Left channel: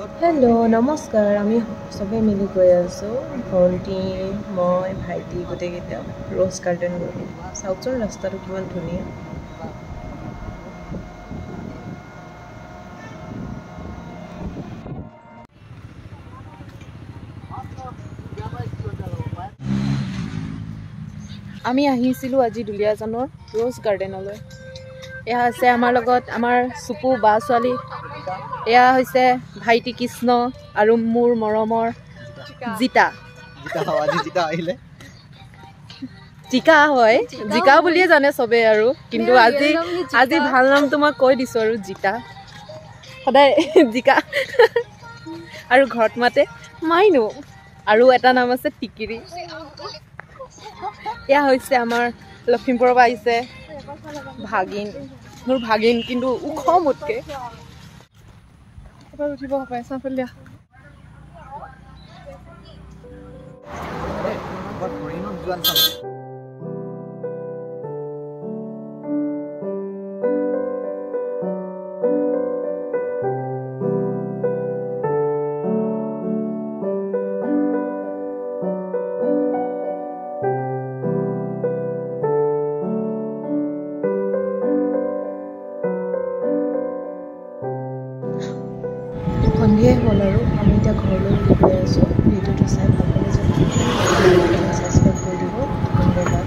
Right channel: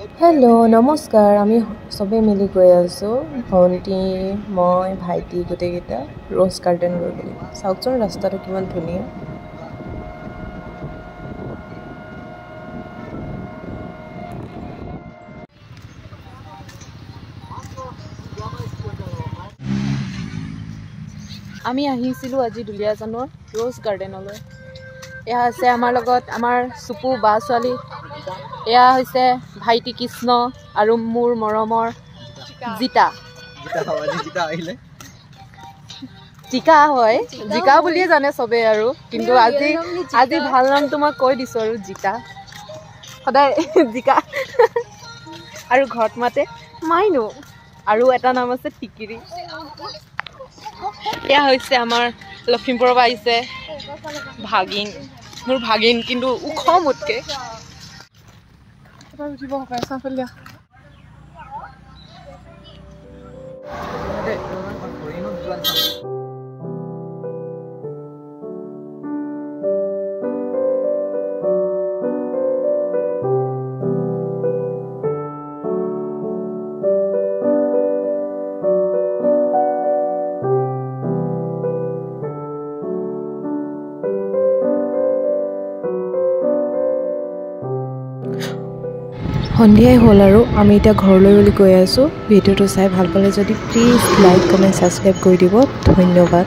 hello' নমস্কাৰ আমি সবে মিলি গৈ আছোঁ ভণ্টি মই ভাইটি গোটেইকেইটা ৰ'জ গাৰ্ডেন কৰিবলৈ চাওকচোন ৰাস্তাটো কিমান ধুনীয়া আমি আহিছিলোঁ আজি দুলীয়াজানৰ ৰ'জ গাৰ্ডেনলৈ এয়া আছে আমাৰ লগত আমাৰ চুপু বা ছোৱালী এয়া হৈছে ভাইটি কৃষ্ণ আৰু মোৰ মৰমৰ জিতা জিকা হয় জিকা বুলিয়ে জানে চবে আৰু কিন্তু আজি ভাল নামটো মই কৈ দিছোঁ আৰু জিকা সদায় জিকা আৰু ঘৰত মাতে মাইনু আৰু এটা নাম আছে টিকিৰি এয়া হৈছে আমাৰ লখিমপুৰৰ পৰা আহিছে ভাগিন মোৰ ভাগিন কিন্তু ওখ মোতকে এবাৰ উঠিব পাৰে চাফলীয়া সন্ধিয়াই হ'ল আৰু আমি এতিয়া ঘৰলৈ বুলি গৈ আছোঁ ভিডিঅ'টো চাই ভাল পালে যদি প্লিজ লাইক কমেণ্ট ছাবস্ক্ৰাইব কৰি দিব ধন্যবাদ